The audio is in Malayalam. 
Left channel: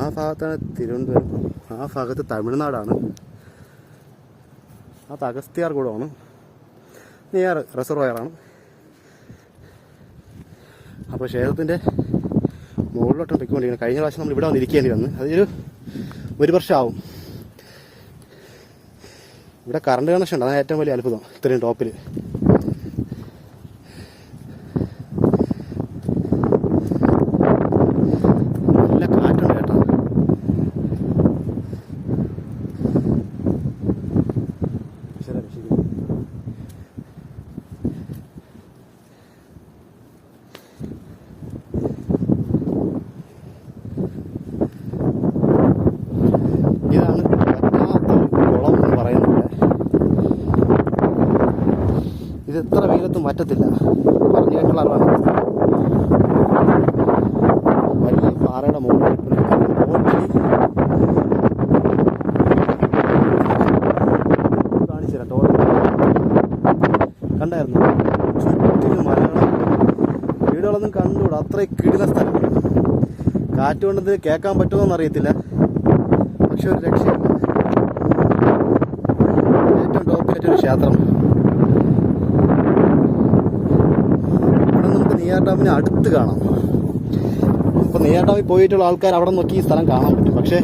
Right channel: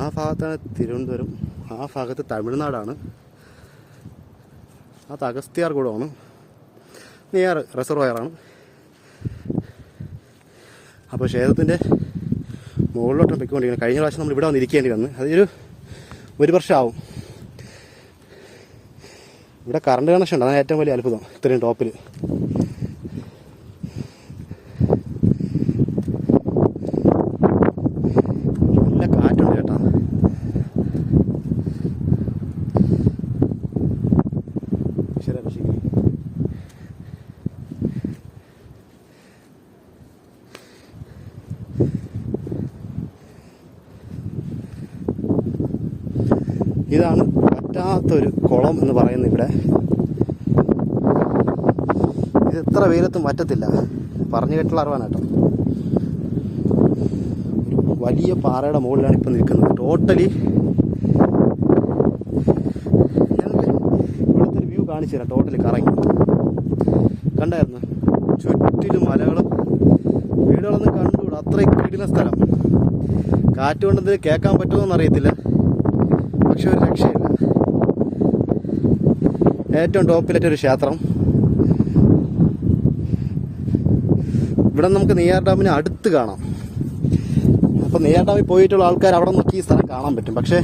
ആ ഭാഗത്താണ് തിരുവനന്തപുരം. ആ ഭാഗത്ത് തമിഴ്നാടാണ്. ആ അഗസ്ത്യാർ കൂടമാണ് നിയർ റിസർവയറാണ്. അപ്പോൾ ക്ഷേത്രത്തിന്റെ മുകളിലോട്ടാണ് പൊയ്ക്കൊണ്ടിരിക്കുന്നത് കഴിഞ്ഞ പ്രാവശ്യം നമ്മൾ ഇവിടെ വന്നിരിക്കേണ്ടി വന്ന്. അതൊരു ഒരു വർഷമാവും. ഇവിടെ കറണ്ട് കണക്ഷൻ ഉണ്ട്. അതാണ് ഏറ്റവും വലിയ അത്ഭുതം ഇത്രയും ടോപ്പിൽ നല്ല കാറ്റുണ്ട്. കേട്ടോ ഈശ്വര ഇതാണ് പറ്റാത്തൊരു കുളം എന്ന് പറയുന്നത് ഇവിടെ. ഇത് എത്ര വെയിലത്തും പറ്റത്തില്ല പറഞ്ഞു കേട്ടുള്ള അറിവാണ്. വലിയ പാറയുടെ മുകളിലാണ് ഇപ്പം നിൽക്കുന്നത് ടോട്ടലി കാണിച്ചു തരാം കണ്ടായിരുന്നു? ചുറ്റിലും മലകളും വീടുകളൊന്നും കണ്ടുകൂടാ. അത്രയും കിടുന്ന സ്ഥലം. കാറ്റ് കൊണ്ടത് കേൾക്കാൻ പറ്റുമോ അറിയത്തില്ല. പക്ഷെ ഒരു രക്ഷയില്ല. ഏറ്റവും ടോപ്പിലേറ്റൊരു ക്ഷേത്രം. ഇവിടെ നമുക്ക് നെയ്യാർ ഡാമിനെ അടുത്ത് കാണാം. അപ്പോൾ നെയ്യാർ ഡാമിൽ പോയിട്ടുള്ള ആൾക്കാർ അവിടെ നോക്കി ഈ സ്ഥലം കാണാൻ പറ്റും. പക്ഷേ